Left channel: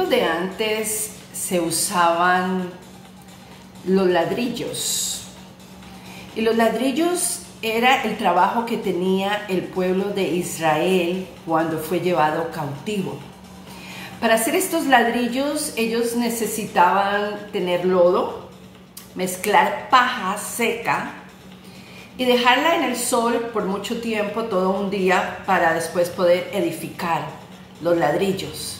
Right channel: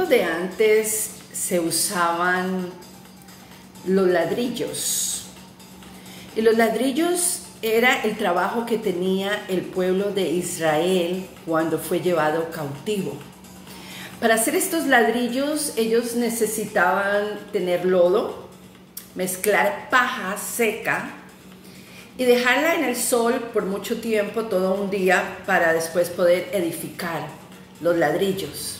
tiempos de antes se usaban los ladrillos. Y los ladrillos era el trabajo que tenía el pueblo de Israel cuando fue llevado cautivo. Para hacer estos ladrillos ellos necesitaban tener lodo, mezclar paja seca y dejarla en el sol por mucho tiempo, todo un día, para después poder edificar los ladrillos.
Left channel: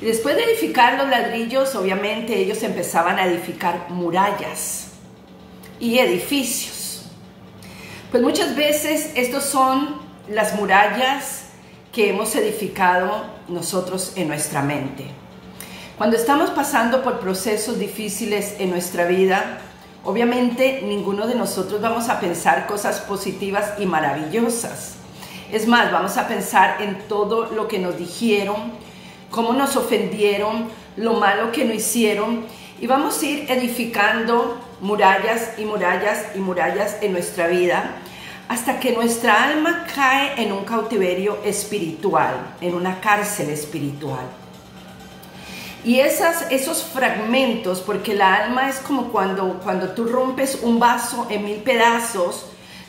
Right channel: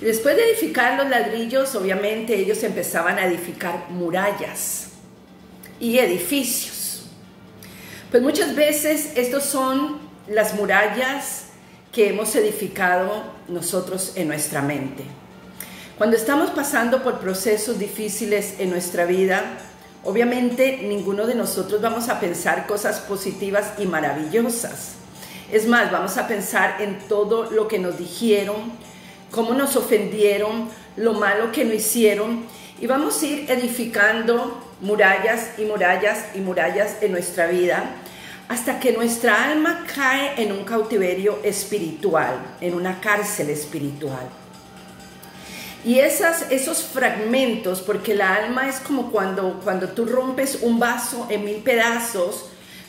Y después de edificar los ladrillos, obviamente ellos empezaban a edificar murallas y edificios. Pues muchas veces estos son las murallas que hemos edificado nosotros en nuestra mente. Cuando estamos pasando por procesos difíciles en nuestra vida, obviamente ninguno de nosotros vamos a pensar cosas positivas y maravillosas. Es más, vamos a pensar en todo lo que nos dijeron, cómo nos ofendieron, lo malo que nos hicieron, y vamos a ir edificando murallas y murallas y murallas en nuestra vida, hasta que nuestra alma cae en un cautiverio espiritual, en una cárcel espiritual. Y esos fragmentos, porque la alma es como cuando tú rompes un vaso en 1000 pedazos,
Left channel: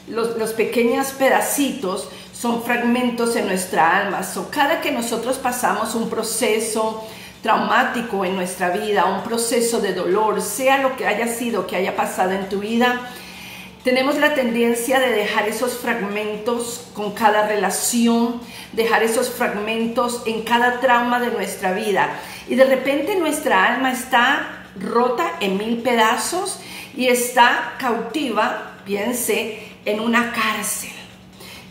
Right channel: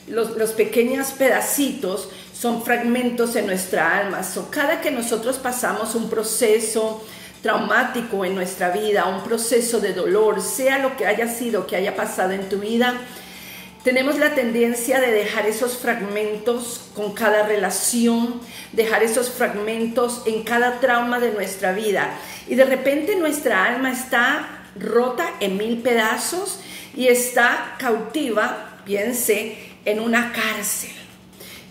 los pequeños pedacitos son fragmentos en nuestra alma. Cada que nosotros pasamos un proceso traumático en nuestra vida, un proceso de dolor, sea lo que haya sido, que haya pasado en tu vida, tenemos la tendencia de dejar esos fragmentos con cada relación, dejar esos fragmentos en cada trauma de nuestra vida. Y de repente nuestra alma está rota en 1000 pedazos y está cautiva, piense, en una cárcel.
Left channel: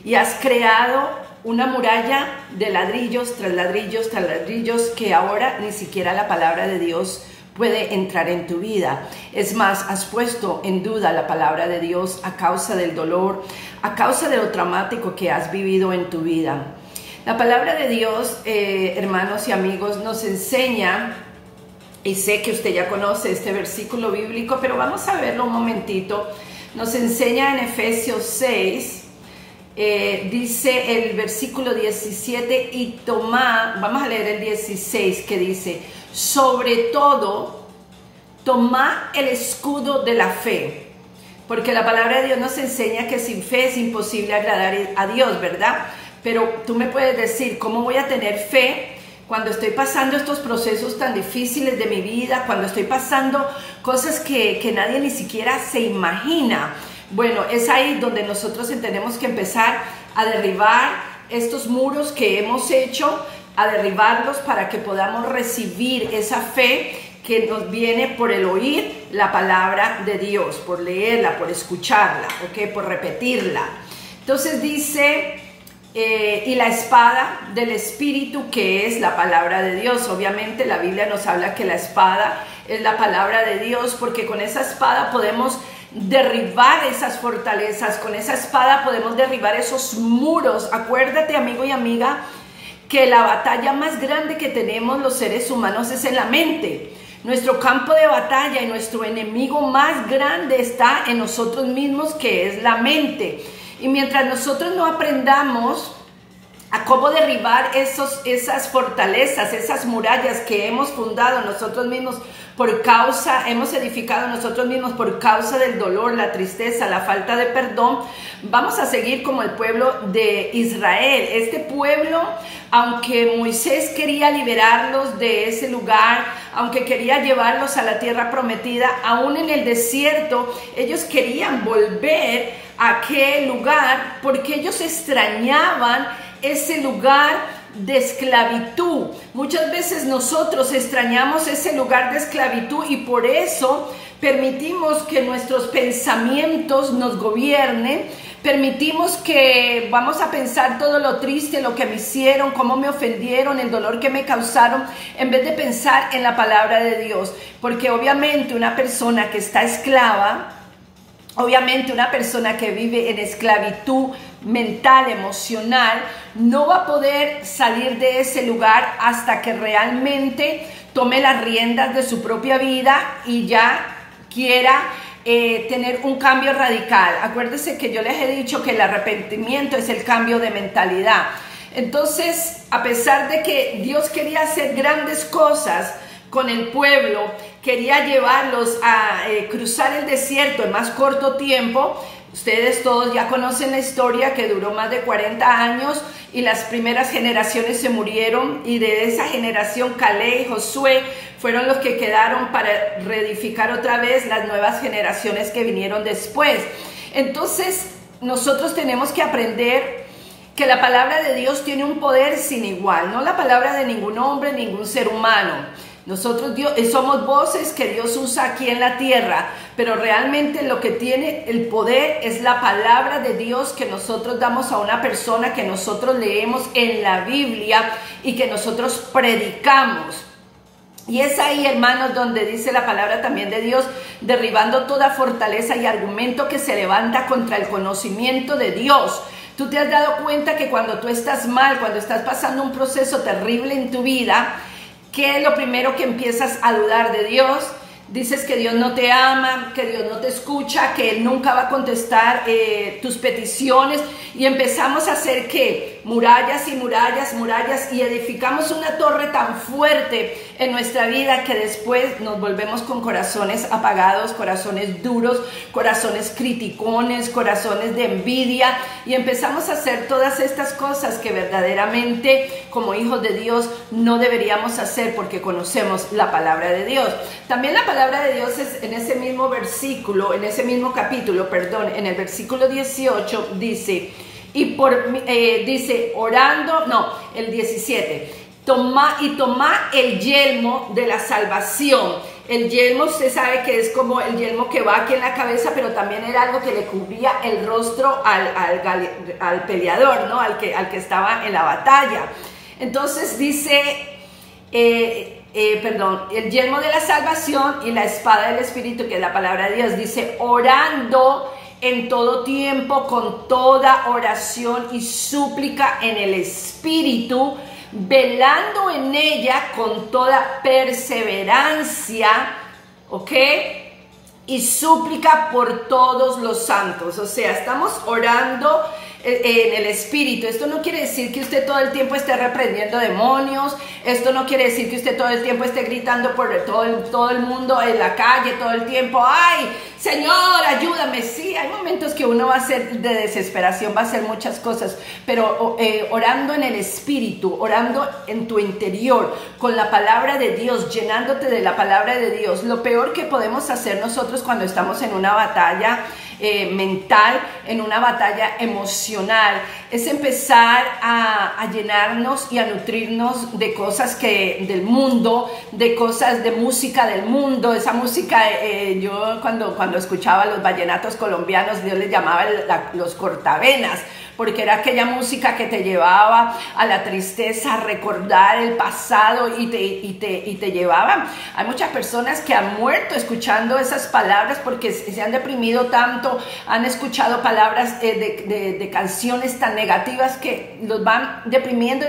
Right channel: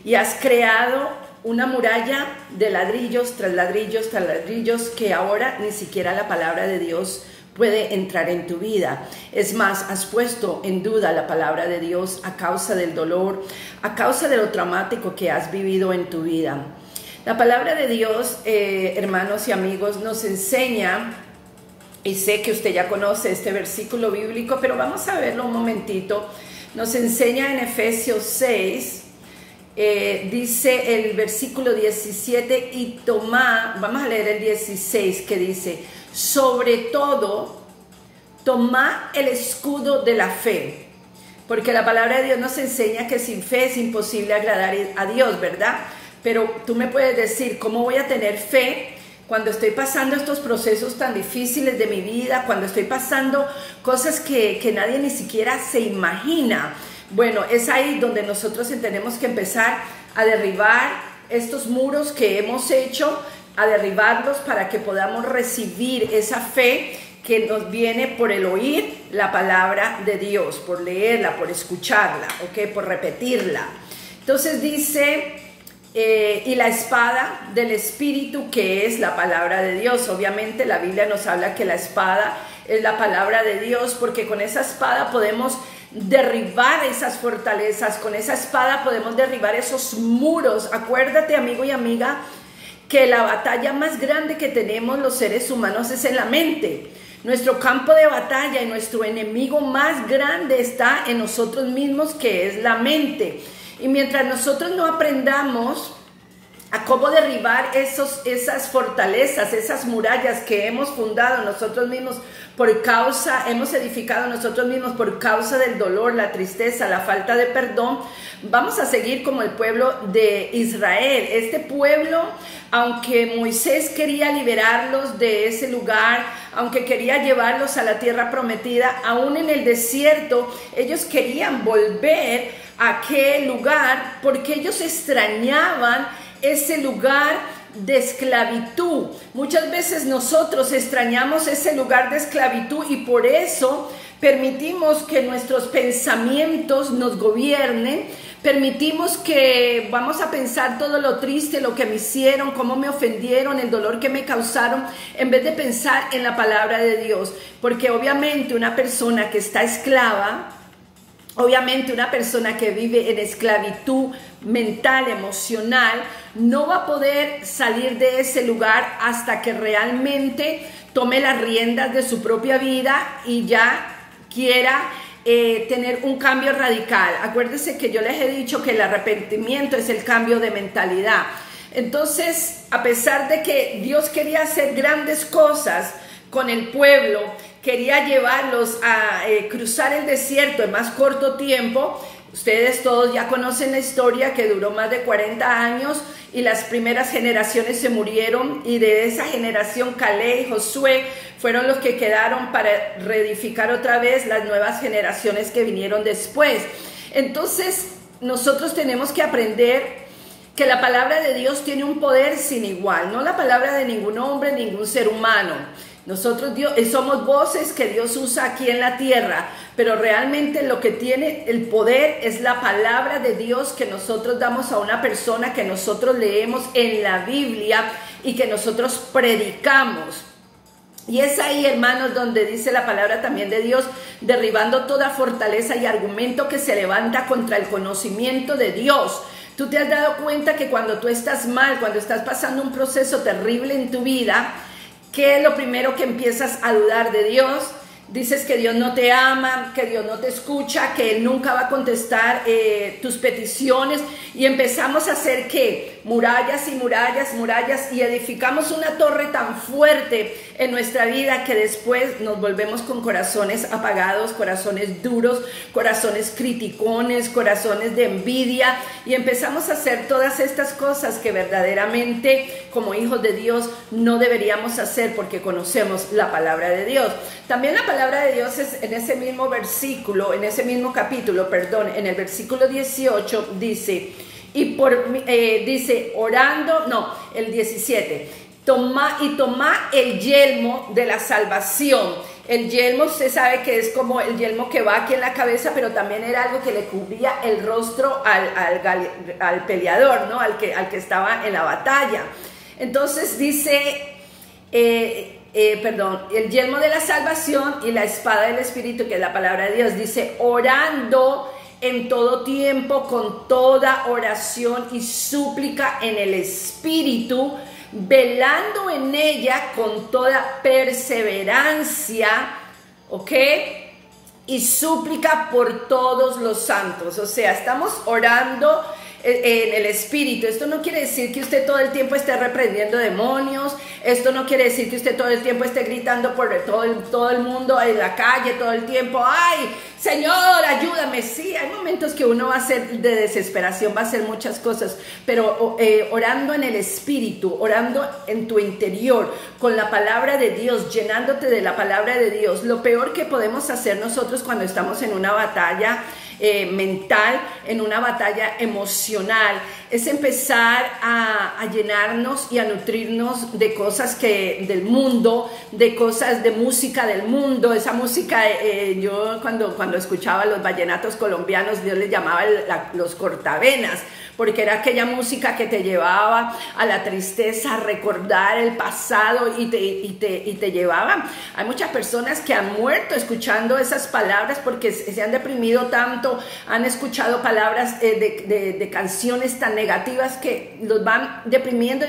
Y has creado una muralla de ladrillos tras ladrillos tras ladrillos que ahora ni siquiera la palabra de Dios puede entrar en tu vida. Es más, has puesto en duda la palabra de Dios a causa del dolor, a causa de lo traumático que has vivido en tu vida. La palabra de Dios, hermanos y amigos, nos enseña, y sé que usted ya conoce este versículo bíblico, pero vamos a verlo un momentito. Nos enseña en Efesios 6, dice el versículo 17, y tomad, vamos a leer el 16, que dice: sobre todo, tomad el escudo de la fe, porque la palabra de Dios nos enseña que sin fe es imposible agradar a Dios, ¿verdad? Pero tú me puedes decir, ¿cómo voy a tener fe cuando estoy pasando estos procesos tan difíciles de mi vida, cuando estoy pasando cosas que nadie ni siquiera se imagina? Bueno, es ahí donde nosotros tenemos que empezar a derribar estos muros que hemos hecho, a derribarlos para que podamos recibir esa fe que nos viene por el oír la palabra de Dios, por leerla, por escucharla, ¿ok? Por repetirla. Entonces dice, y la espada del Espíritu, que es la palabra de Dios. Obviamente la Biblia nos habla que la espada es la palabra de Dios, porque con esa espada podemos derribar esas fortalezas, con esa espada podemos derribar esos muros. Acuérdate, amigo y amiga, que la batalla más grande que tenemos los seres humanos es en la mente. Nuestro campo de batalla y nuestro enemigo más grande está en nosotros mismos, que es la mente. Y mientras nosotros no aprendamos a cómo derribar esas fortalezas, esas murallas que hemos fundado nosotros mismos hemos edificado nosotros mismos por causa del dolor, la tristeza, la falta de perdón, vamos a seguir como el pueblo de Israel. Este pueblo, aunque Moisés quería liberarlos de ese lugar, aunque quería llevarlos a la tierra prometida, aún en el desierto, ellos querían volver a aquel lugar porque ellos extrañaban ese lugar de esclavitud. Muchas veces nosotros extrañamos ese lugar de esclavitud y por eso permitimos que nuestros pensamientos nos gobiernen, permitimos que vamos a pensar todo lo triste, lo que me hicieron, cómo me ofendieron, el dolor que me causaron, en vez de pensar en la palabra de Dios. Porque obviamente una persona que está esclava, obviamente una persona que vive en esclavitud mental, emocional, no va a poder salir de ese lugar hasta que realmente tome las riendas de su propia vida y ya quiera tener un cambio radical. Acuérdense que yo les he dicho que el arrepentimiento es el cambio de mentalidad. Entonces, a pesar de que Dios quería hacer grandes cosas con el pueblo, quería llevarlos a cruzar el desierto en más corto tiempo. Ustedes todos ya conocen la historia, que duró más de 40 años y las primeras generaciones se murieron, y de esa generación Caleb y Josué fueron los que quedaron para reedificar otra vez las nuevas generaciones que vinieron después. Entonces nosotros tenemos que aprender que la palabra de Dios tiene un poder sin igual, no la palabra de ningún hombre, ningún ser humano. Nosotros somos voces que Dios usa aquí en la tierra, pero realmente lo que tiene el poder es la palabra de Dios que nosotros damos a una persona, que nosotros leemos en la Biblia y que nosotros predicamos. Y es ahí, hermanos, donde dice la palabra también de Dios, derribando toda fortaleza y argumento que se levanta contra el conocimiento de Dios. Tú te has dado cuenta que cuando tú estás mal, cuando estás pasando un proceso terrible en tu vida, ¿qué es lo primero que empiezas a dudar de Dios? Dices que Dios no te ama, que Dios no te escucha, que Él nunca va a contestar tus peticiones, y empezamos a hacer ¿qué? Murallas y murallas, murallas, y edificamos una torre tan fuerte en nuestra vida que después nos volvemos con corazones apagados, corazones duros, corazones criticones, corazones de envidia, y empezamos a hacer todas estas cosas que verdaderamente como hijos de Dios no deberíamos hacer, porque conocemos la palabra de Dios. También la palabra de Dios es en ese mismo versículo, en ese mismo capítulo, perdón, en el versículo 18 dice, dice orando, no, el 17, toma el yelmo de la salvación. El yelmo, usted sabe que es como el yelmo que va aquí en la cabeza, pero también era algo que le cubría el rostro al peleador, ¿no? Al que estaba en la batalla. Entonces dice, el yelmo de la salvación y la espada del Espíritu, que es la palabra de Dios, dice orando en todo tiempo, con toda oración y súplica en el Espíritu, velando en ella con toda perseverancia, ¿ok? Y súplica por todos los santos. O sea, estamos orando en el Espíritu. Esto no quiere decir que usted todo el tiempo esté reprendiendo demonios. Esto no quiere decir que usted todo el tiempo esté gritando por todo el mundo en la calle, todo el tiempo, ¡ay, Señor, ayúdame! Sí, hay momentos que uno va a hacer de desesperación, va a hacer muchas cosas, pero orando en el Espíritu, orando en tu interior, con la palabra de Dios, llenándote de la palabra de Dios. Lo peor que podemos hacer nosotros cuando estamos en una batalla mental, en una batalla emocional, es empezar a llenarnos y a nutrirnos de cosas del mundo, de cosas de música del mundo. Esa música, yo cuando escuchaba los vallenatos colombianos, Dios les llamaba los cortavenas, porque era aquella música que te llevaba a la tristeza, a recordar el pasado y te llevaba. Hay muchas personas que han muerto escuchando esas palabras porque se han deprimido tanto, han escuchado palabras de canciones tan negativas que los van deprimiendo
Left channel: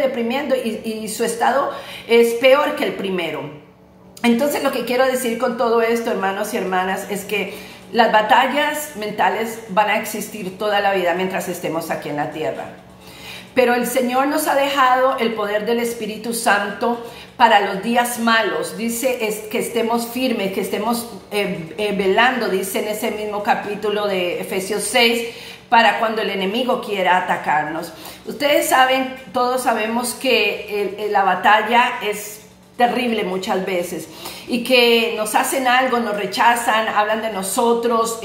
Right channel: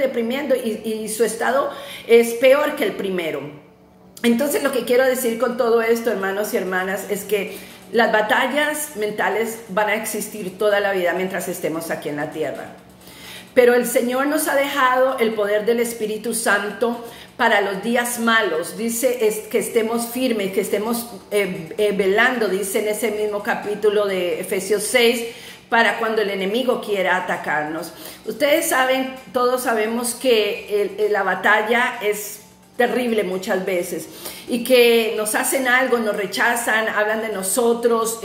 y su estado es peor que el primero. Entonces, lo que quiero decir con todo esto, hermanos y hermanas, es que las batallas mentales van a existir toda la vida mientras estemos aquí en la tierra. Pero el Señor nos ha dejado el poder del Espíritu Santo para los días malos. Dice que estemos firmes, que estemos velando, dice en ese mismo capítulo de Efesios 6, para cuando el enemigo quiera atacarnos. Ustedes saben, todos sabemos que la batalla es terrible muchas veces, y que nos hacen algo, nos rechazan, hablan de nosotros,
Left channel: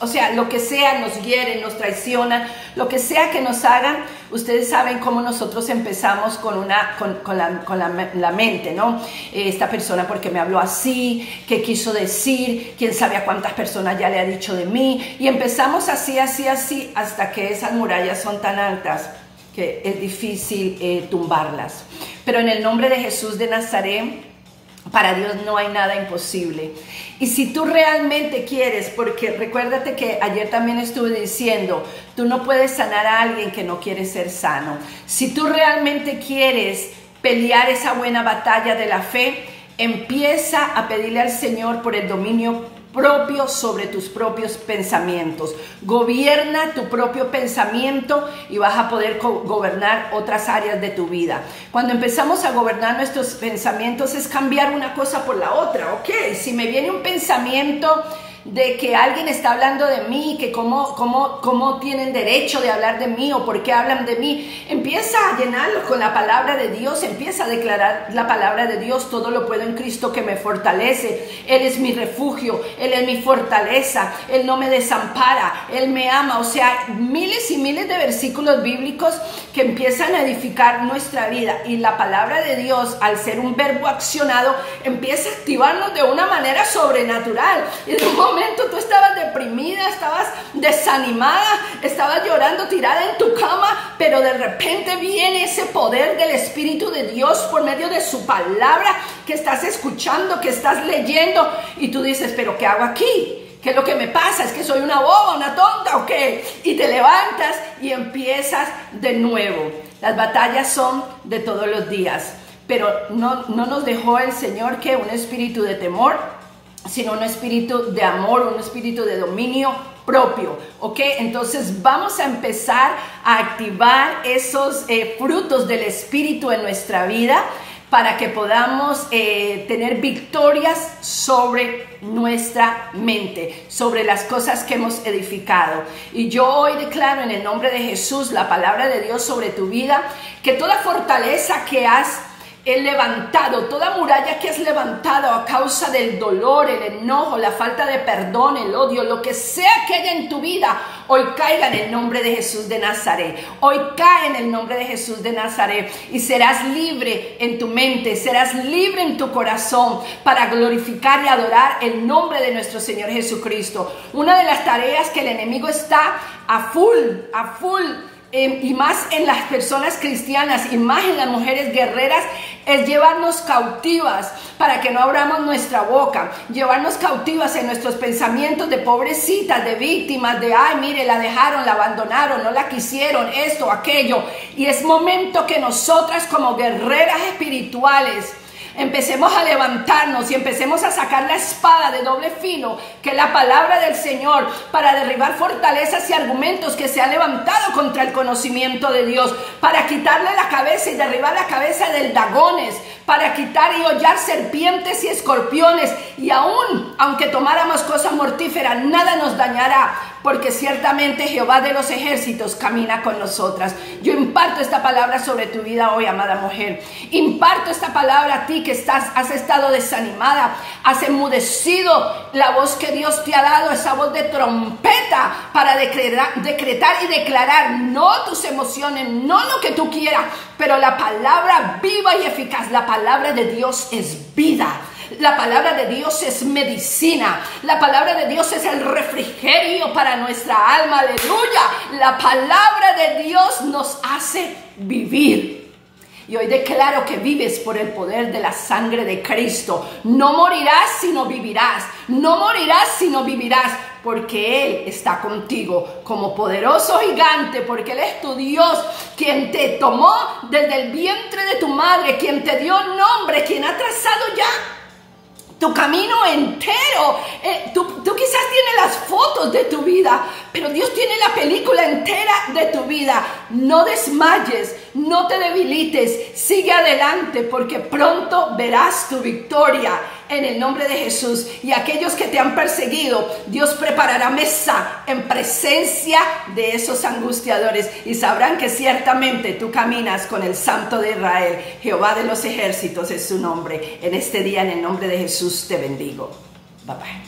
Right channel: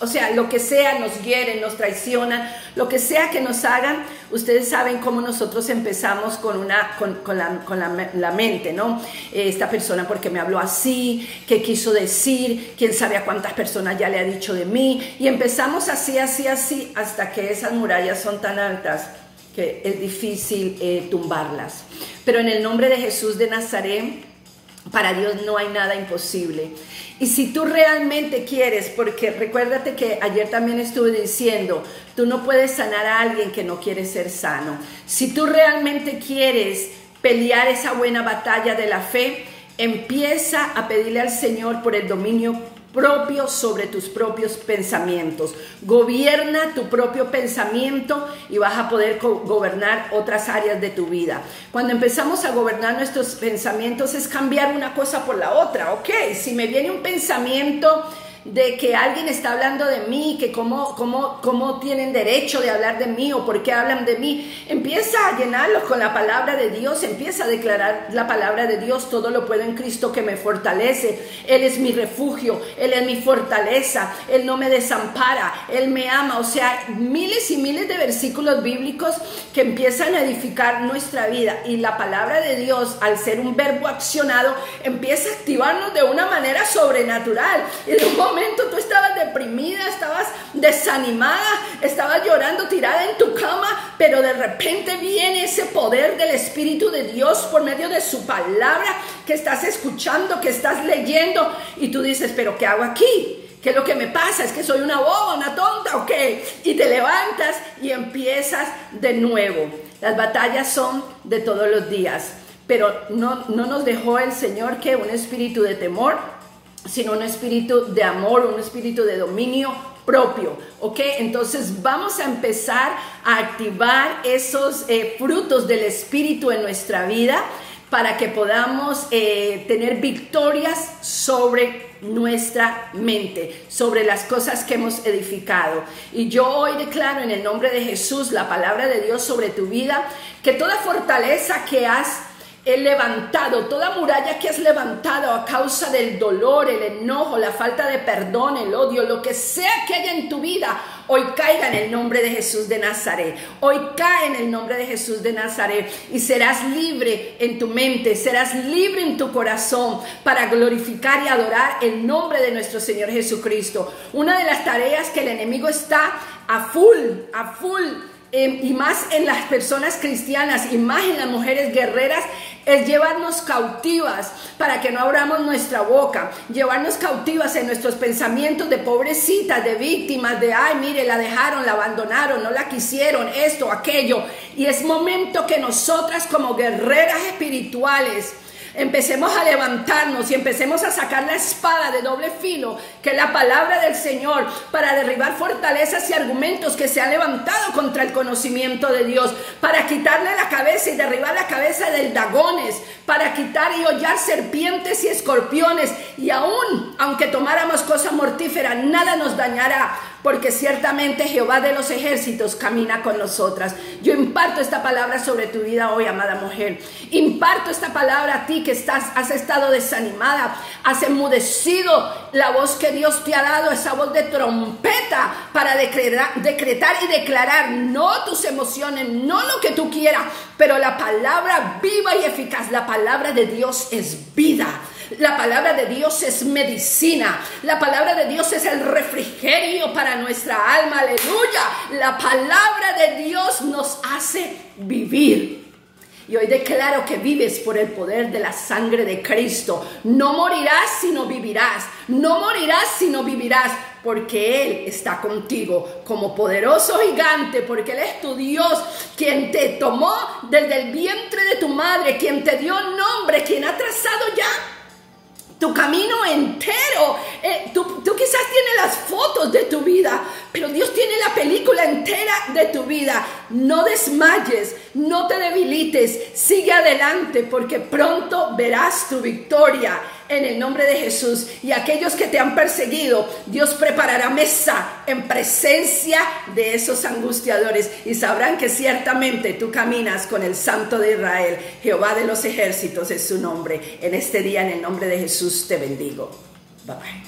o sea, lo que sea, nos hieren, nos traicionan, lo que sea que nos hagan. Ustedes saben cómo nosotros empezamos con la mente, ¿no? Esta persona, ¿por qué me habló así? ¿Qué quiso decir? ¿Quién sabe a cuántas personas ya le ha dicho de mí? Y empezamos así, hasta que esas murallas son tan altas que es difícil tumbarlas. Pero en el nombre de Jesús de Nazaret, para Dios no hay nada imposible. Y si tú realmente quieres, porque recuérdate que ayer también estuve diciendo, tú no puedes sanar a alguien que no quiere ser sano. Si tú realmente quieres pelear esa buena batalla de la fe, empieza a pedirle al Señor por el dominio propio sobre tus propios pensamientos. Gobierna tu propio pensamiento y vas a poder gobernar otras áreas de tu vida. Cuando empezamos a gobernar nuestros pensamientos es cambiar una cosa por la otra, ¿ok? Si me viene un pensamiento de que alguien está hablando de mí, que cómo tienen derecho de hablar de mí o por qué hablan de mí, empieza a llenarlos con la palabra de Dios, empieza a declarar la palabra de Dios: todo lo puedo en Cristo que me fortalece. Él es mi refugio, Él es mi fortaleza, Él no me desampara, Él me ama. O sea, miles y miles de versículos bíblicos que empiezan a edificar nuestra vida, y la palabra de Dios, al ser un verbo accionado, empieza a activarnos de una manera sobrenatural. Y de un momento tú estabas deprimida, estabas desanimada, estabas llorando tirada en tu cama, pero de repente viene ese poder del Espíritu de Dios por medio de su palabra que estás escuchando, que estás leyendo, y tú dices: ¿pero qué hago aquí? ¿Qué es lo que me pasa? ¿Es que soy una boba, una tonta o qué? Y te levantas y empiezas de nuevo. Las batallas son de todos los días, pero no nos dejó el Señor que un espíritu de temor, sino un espíritu de amor, un espíritu de dominio propio, ¿ok? Entonces vamos a empezar a activar esos frutos del Espíritu en nuestra vida para que podamos tener victorias sobre nuestra mente, sobre las cosas que hemos edificado. Y yo hoy declaro en el nombre de Jesús la palabra de Dios sobre tu vida, que toda fortaleza que has levantado, toda muralla que has levantado a causa del dolor, el enojo, la falta de perdón, el odio, lo que sea que haya en tu vida, hoy caiga en el nombre de Jesús de Nazaret. Hoy cae en el nombre de Jesús de Nazaret, y serás libre en tu mente, serás libre en tu corazón para glorificar y adorar el nombre de nuestro Señor Jesucristo. Una de las tareas que el enemigo está a full, y más en las personas cristianas y más en las mujeres guerreras, es llevarnos cautivas para que no abramos nuestra boca, llevarnos cautivas en nuestros pensamientos de pobrecitas, de víctimas, de ay, mire, la dejaron, la abandonaron, no la quisieron, esto, aquello. Y es momento que nosotras como guerreras espirituales empecemos a levantarnos y empecemos a sacar la espada de doble filo, que es la palabra del Señor, para derribar fortalezas y argumentos que se han levantado contra el conocimiento de Dios, para quitarle la cabeza y derribar la cabeza del dragones, para quitar y hollar serpientes y escorpiones, y aunque tomáramos cosas mortíferas, nada nos dañará, porque ciertamente Jehová de los ejércitos camina con nosotras. Yo imparto esta palabra sobre tu vida hoy, amada mujer. Imparto esta palabra a ti que has estado desanimada, has enmudecido la voz que Dios te ha dado, esa voz de trompeta para decretar y declarar no tus emociones, no lo que tú quieras, pero la palabra viva y eficaz. La palabra de Dios es vida. La palabra de Dios es medicina. La palabra de Dios es el refrigerio para nuestra alma. Aleluya. La palabra de Dios nos hace vivir. Y hoy declaro que vives por el poder de la sangre de Cristo. No morirás, sino vivirás. No morirás, sino vivirás. Porque Él está contigo como poderoso gigante, porque Él es tu Dios, quien te tomó desde el vientre de tu madre, quien te dio nombre, quien ha trazado ya tu camino entero. Tú quizás tienes las fotos de tu vida, pero Dios tiene la película entera de tu vida. No desmayes, no te debilites, sigue adelante, porque pronto verás tu victoria en el nombre de Jesús. Y aquellos que te han perseguido, Dios preparará mesa en presencia de esos angustiadores, y sabrán que ciertamente tú caminas con el Santo de Israel. Jehová de los ejércitos es su nombre. En este día, en el nombre de Jesús, te bendigo. Bye bye.